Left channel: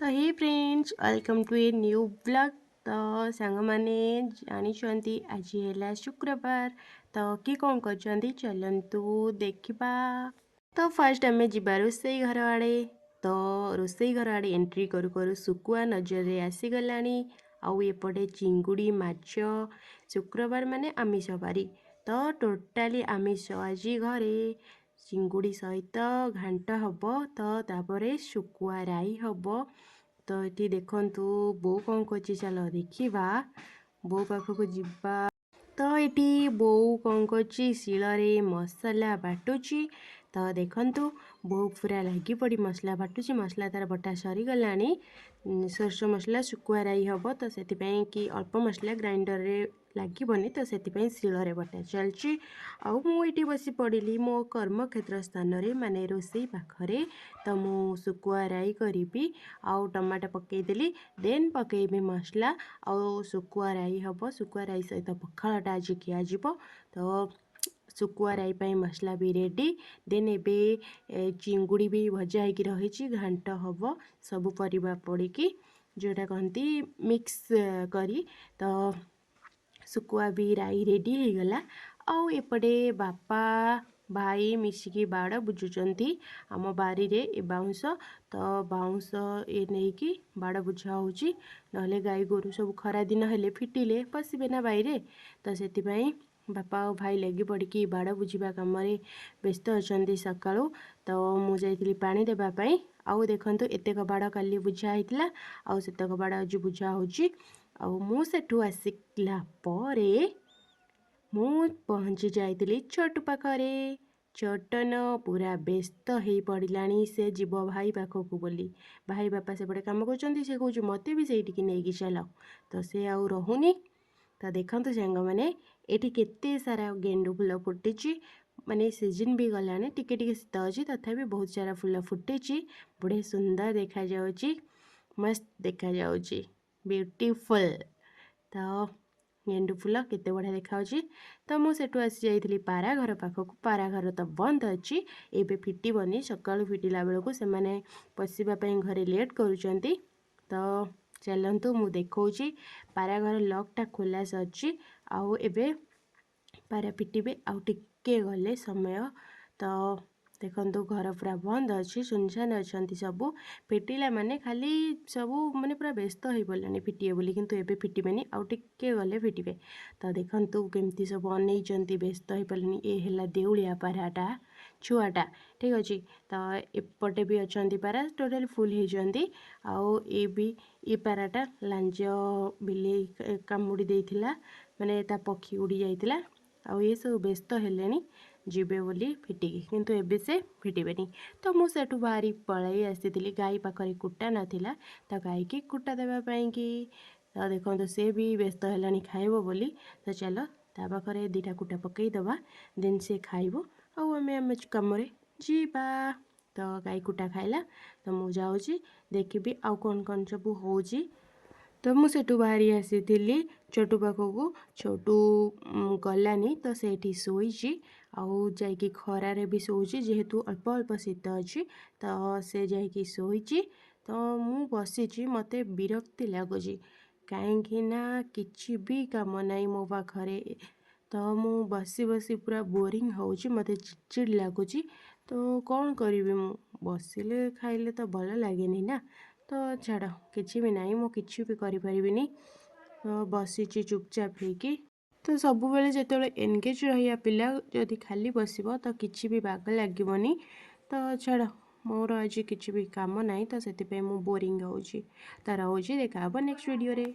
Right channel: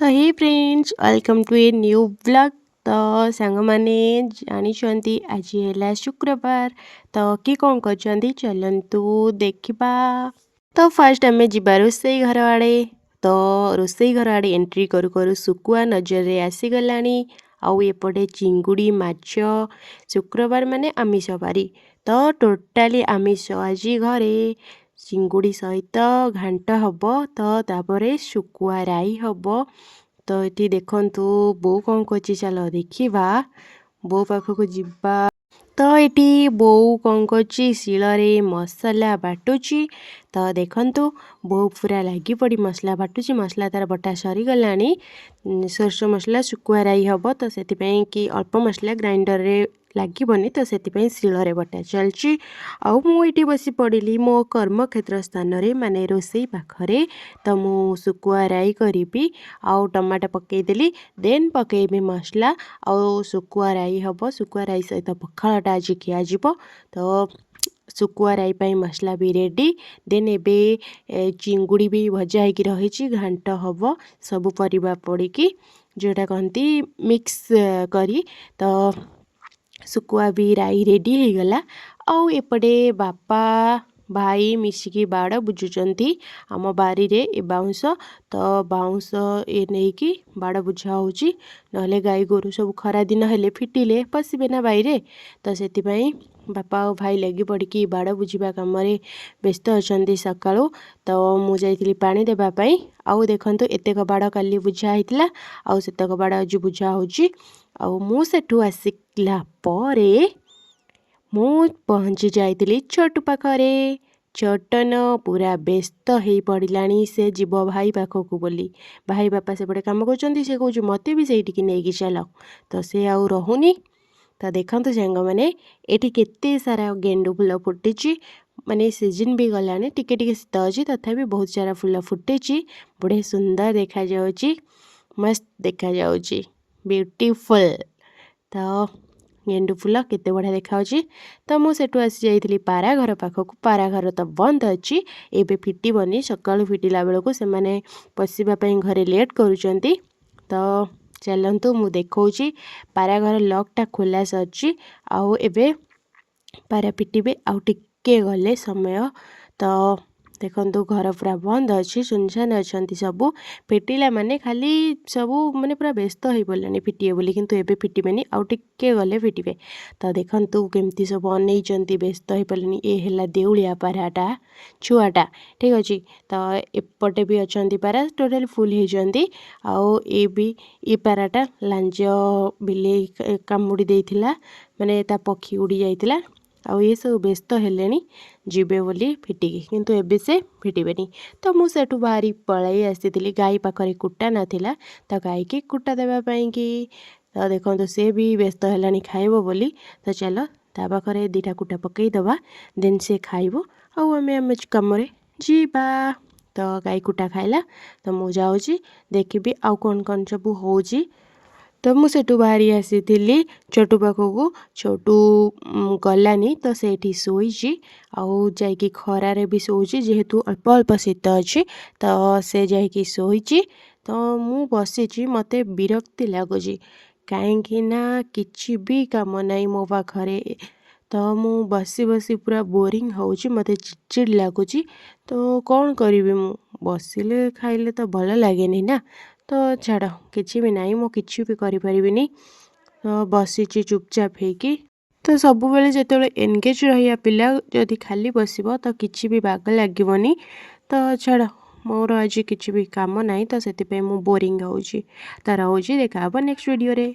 तो hey friends welcome to a new blog. तो song मैंने जानी आज है शुक्रवार। तो किए कौन कर चलतु देखा। तो फास्ट आम जा रोसई घर आड़े। तो रोसई घर आड़े एंट्री करू करू सुकुआ नजर रे आसीगला। आउ एपटे चिंगुड़ी माछ शुक्रवार माने आमिष बारी। तो टोटाली आमिष आज घरे चिंगुड़ी सहित घांट हब। तो तापरे शुकुआ राई हब। तो ये देखंतु बो कौन करछि चलो देखिबा। बो पाखक जिबा। तो ये बो कौन करछि शिଳରେ मसला बाटुची। तो देखंतु बो पूरा लगी पड़ी मसला बाटुची। मसला तार बटा सरी गलानी। सोरस मसला शुकुआ राई हब। तो से कि अल्प मसला ग्राइंडर रे लगे तो से शिଳରେ बटा चलची। आउ मुझे बस पड़ी मो कर्मक्षेत्र स्थान रे माने रोसई पाखरे। तो मु शुकुआ राई करी आउ टमाटो पकईदेली देन पकईबी मसला आउ शुकुआ राई हब। शुकुआ राई सहित पखाळटा आज खियाजिब। तो शुकुआ राई पाई मसला भी रेडी। देन एबे चिंगुड़ी भी भजा होगी रही घांट हब सबू परिबा पड़िकी जोटा कहती मिक्स करी। तो शुकुआ भी राई रेडी हो गला। आउ एपटे बापा भाई मिसिकी बाड़ बुझुचंती आम बारी रे ए बाउंस। तो बाउंस ए नहीं कि बाड़ बुझा होची नहले गाई गोरु सब खरा दिन हेले फिटिले पशिबे ना बाईरे। तो सेतिपई बापा और भाई लगी पड़ी बाड़ बुझा कम व्यस्त अच्छा सकाळू। तो मु जाइली पानी देबा पई। आउ देखंतु एतेक बाड़ काली बुझा होइतिला आउ सेतक बाड़ आज बुझा होची। आउ मु सेठू आसिला परे मु पहुँची जाइली छोटू पाखरे। छोटन पूरा व्यस्त हो पड़ानी से जीव भाई पाखक बोली। भाई बापा सेपटे कम कर से कौच मत भी से नहीं चल। तो से आउ रहुनी। तो देखते सांग मैंने ये केते सारा गेंडु फूल फुटी माने सीजन भी गलानी टिके टिके शीत अच्छी तथापि बहुत सारा फूल फुटी बड़े सुंदर देखा जाउची मस्त देखा जाउची ब्यूटीफुल। तो गेंडु फूल केते बढ़िया देखा। तो मुझे आसी जाइली पारा घर पाखक। पारा घर तो बंद अच्छी एबे फिटबनी सकाळु फिटिला बेलू से माने पशिबापी घरे लेट करुचंती। तो चलतु मु देखौची पारा घर लॉकटा खोला सच्ची आउ एबे पारा फिटिबे आउ टिके गले समय। तो देखंतु घर पूरा बंद अच्छी सुनसान अच्छा सबू फिटिला माने खाली सबू माने पूरा व्यस्त हो पड़ानी फिटे बोली किंतु एबे फिटबेनी आउ टिके गले फिटबे। तो देखंतु केमती सब अनेइचंती व्यस्त हो पड़ानी। ए हैला देउलिया पाराटा छुआटा ठीक अच्छे। तो एपटे भी अच्छा पारा टोटाल फुल होती। आउ ए भी ये पाराटा लांज बिले कामुड़ी देइथिला माने ता पक्षी उड़ी जाइथिला। आउ ये सब व्यस्त हेलेनी जीवे बोली फिटिकी किंतु एबे से फिटबेनी। तो मु सेठू बाहरी पलाई आसी गाई पाखरे कुटा नाथिला। तो गाई की कुटा देवाई कि तो देखो से भी व्यस्त हेलानी खाइबो बोली। तो चलो ता पाखरे दीटा कुटा पकई दबा देन से खाइबो आउ आमे कम जीवा। तो गाई कुटा खाइला। तो मु जाऊँगी देखी आउ कौन कौन सब होची। तो मुझे बाहरी आसी छोटू पाखक। छोटू गलानी तो सेठी शोची आउ जाइकी खरारे भी शोची जेहेतु अल्प अल्प शीत अच्छी। तो से जाइकी शोची। तो मु बसी मते विरक्ति लगुच कहीं किछि भी काम नाई मो पाखरे। तो मु बसी बसी पूरा बोरिंग होउची मते चिड़चिड़ लगुच। तो कौन करी मु बसिले खाइले तो भल लगे ना। तो छाड़ किसी भी नाई मु किसी भी करि परिबिनी। तो बसीची चुपचाप हेकी। तो सब बेले जेतेबेले एनगेज रहिया पिला जदि खाली बसिबो तो किछि भी बाग लागीबनी। तो छाड़ मोर आज किछि भी काम नाई तो सेति पे मु बोरिंग होउची। तो रहुची देखा नेक्स्ट वीडियो रे।